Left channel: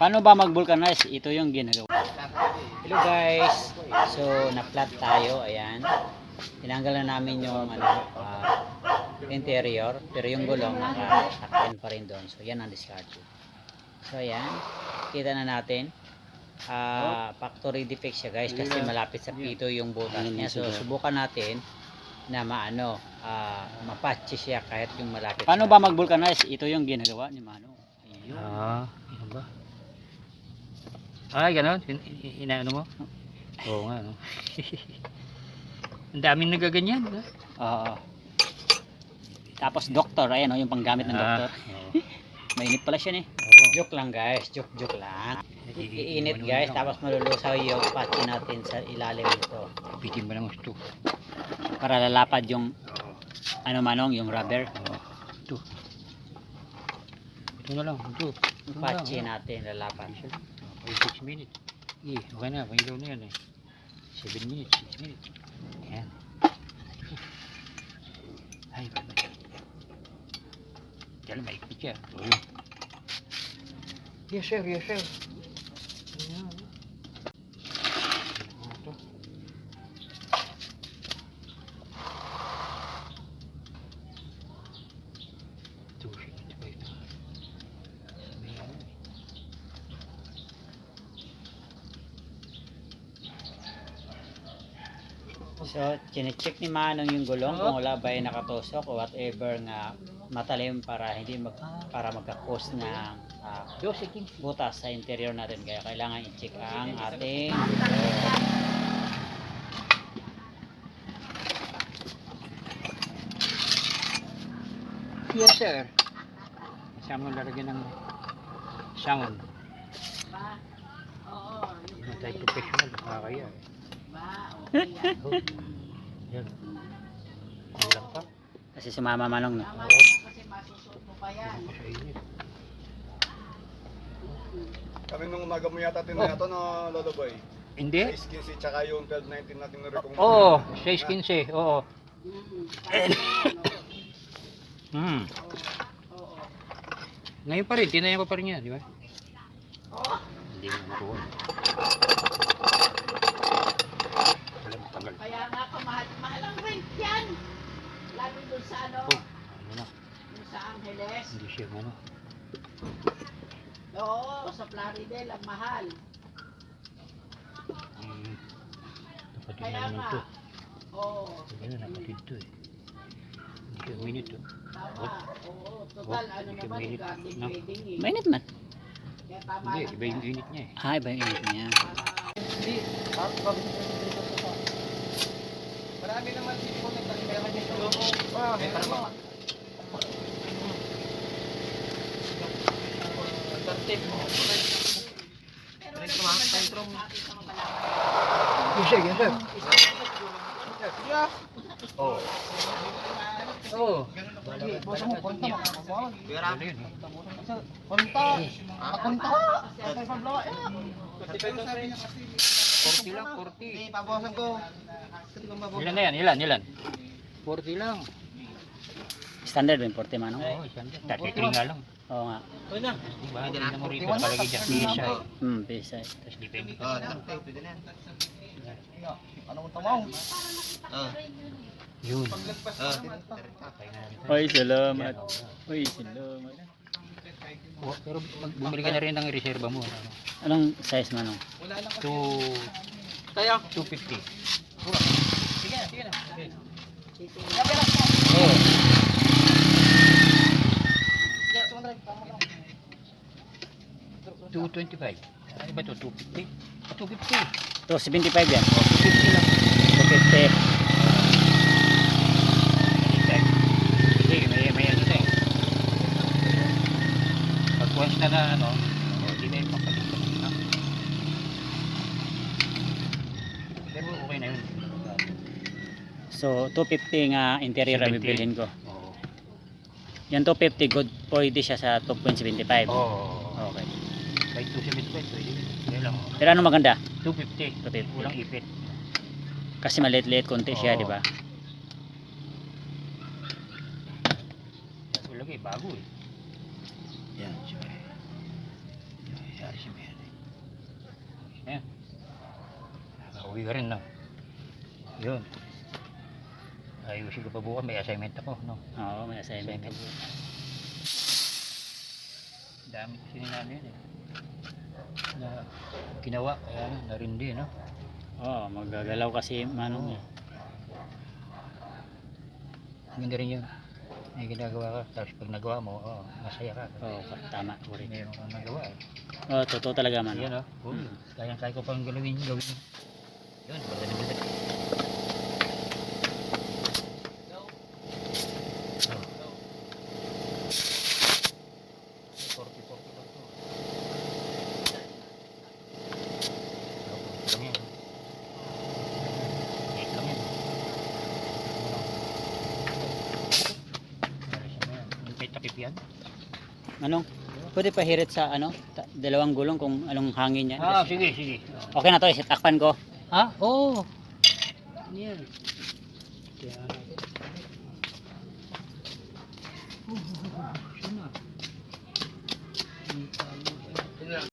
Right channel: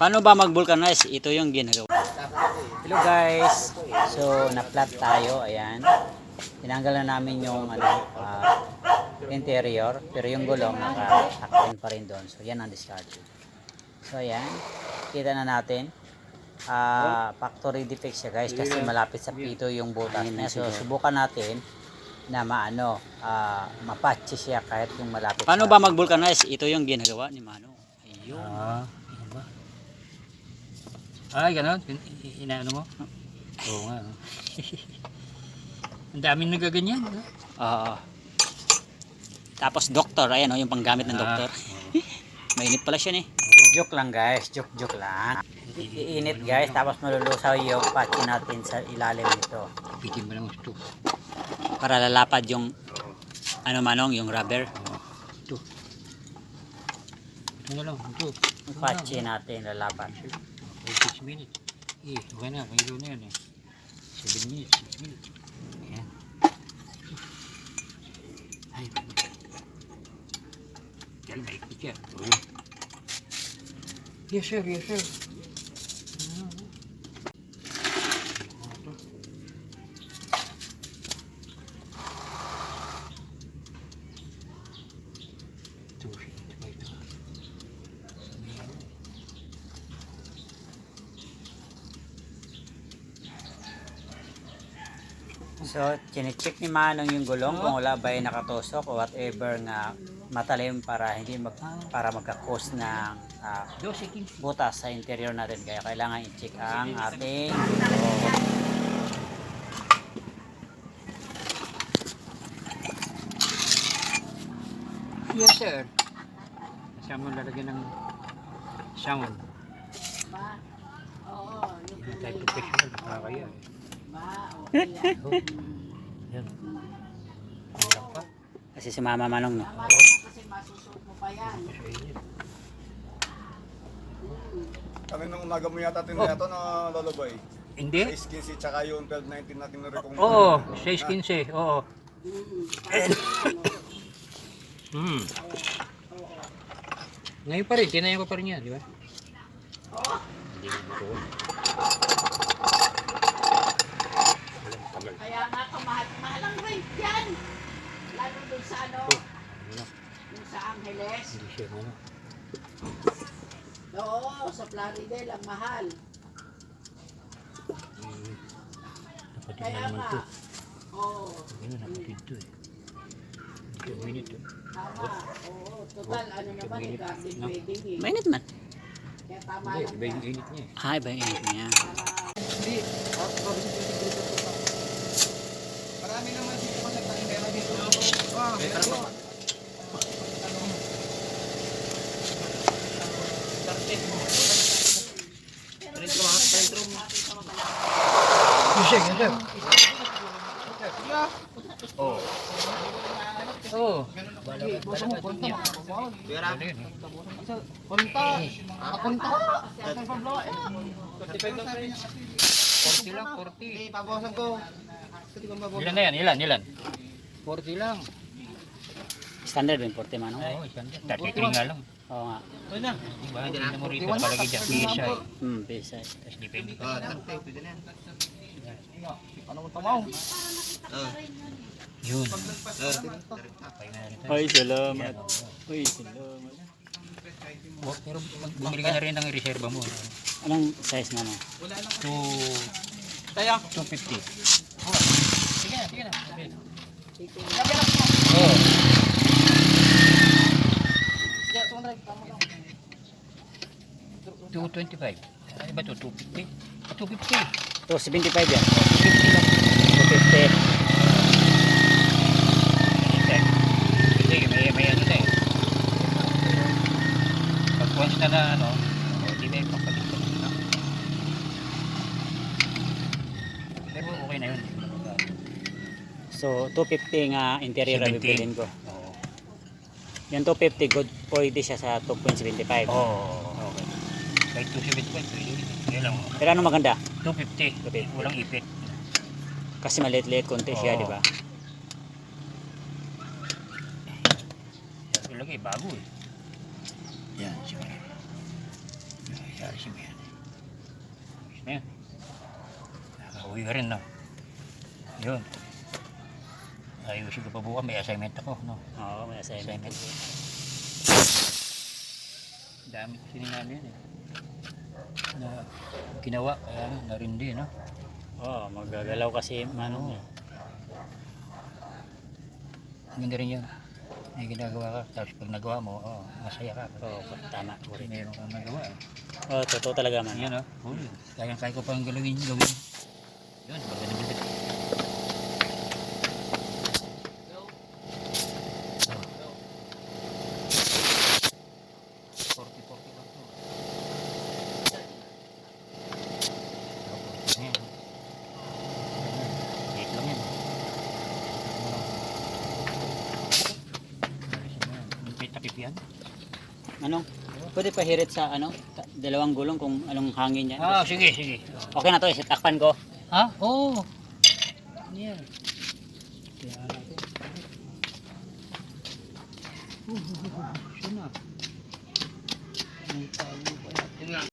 Paano ba mag-vulcanize? Ito yung ginagawa. Hello guys. So, na-flat tayo. Ayan. Tinanggal na namin yung interior. Pero yung gulong naka-tuck-in pa rin doon. So, yan ang discard. So, ayan. Kita na natin. Factory defect siya guys. Kasi malapit sa pito yung butas niya. So, subukan natin na mapatch siya kahit yung malapit. Paano ba mag-vulcanize? Ito yung ginagawa ni Mano. Ayun. Yan ba? Ay, gano'n? Inaano mo? Oo nga. No? Ang daming nagaganyan. No? Tapos doktor, ayan yung panggamit ng doktor. Mainit pala siya Joke lang guys, joke lang. Iinit guys, tapos malulusaw yung patch natin sa ilalim nito. Bigyan mo ng gusto. Para lalapad yung manong, yung rubber. Ito. Ito na lang, ito. Patch natin lalapad. 6 minutes. Okay na, pangilo na yan. 7 minutes, 6 minutes. Ayan. Ay, kaya maikot siya. Yes sir, yes sir. So, chinecheck ni Manong yung gulong kung wala ba yung nakatusok o whatever nga matalim para hindi magka-cause ng butas sa interior natin. Kaya kailangan i-check ang ating Yes sir. Kasama mo lalagyan ng sound. Hindi tayo professional, nakakaya Yan. Hirap pa. kasi si Mama Manong Kasi masusuko pa yan. Kaninong umaga mo yata tinaya ito na lalabay. Hindi? 6.15 tsaka yung 12.19 natin na-recong. Oo, 6.15. Oo. Ngayon pa rin, tinaya ko pa rin yan, di ba? Hindi mo butuon. Kaya nga kamahal ang rent yan. Lalo dun sa dun sa Angeles. Hindi siya ano. Oo, sa Plaridel ang mahal. Napatid na Kaya naman nga. ito. Oo, Ano, napatid ito eh. 2 minutes oh. tama. Oo, total ano naman yung garden wedding eh. mainit man. Kaya tama Hindi, lang iba yung yan. init niya eh. Iba yung init niya. Marami naman dito mga nagtangera dito. Oo. Forty lang, 40. Pabawasan ko. Ilan na yan? Ilan? 40 lang. Standard yung 40 Manong. Oo, 33 nga lang. Oo nga. Diba? Hindi na mo rito palagi dyan. Isa eh. Pisa. Tapos depende. Ano mo tamaw? Yun. Ay, salamat. Uy, salamat. Oh, pero bumili ka na rin ng reserva mo. Anong size Manong? 250. Oo. Oh. 225. Ano ba ito? 250? 250. So, 75 yan. 250 lang. 250. Sige, may ano na eh. Pag once na ano, hindi na yung papalitan. Pero okay na yun. So, 250 nga interior ang 70. bibilin ko. Oo. Yung 250 good, pwede siya sa 2.75. Oo. Okay. Kahit 275, pwede. Ngayon lang. Pero ano maganda? 250. 250. Walang ipit. Kasi maliit-liit konti siya, Oo. di ba? Ilagay, bago eh. Yan, sige. Yan, Ayusin mo yan. Ayos na yan. Nakauwi ka rin, no? Yun. Ayusin ko pa bukas. May assignment ako, no? Oo, may assignment. Dami kasi ninano yun, eh. Na ginawa. Kaya narindi, no? Oo, magagalaw kasi ano. Maganda rin yun. May ginagawa ka. Tapos pag nagawa mo, masaya ka. Oo, tama. Correct. Meron kang nagawa. Oo, totoo talaga man. Yan, oh. Kaya ko pang gawin. Yun, magaling yun. Ano? Pwede pa hirit sa ano? Dalawang gulong kung anong hangin niya. Sige, sige. Okay na to, takpan ko. Ha? Oo. Yan. Kaya natin. Sino?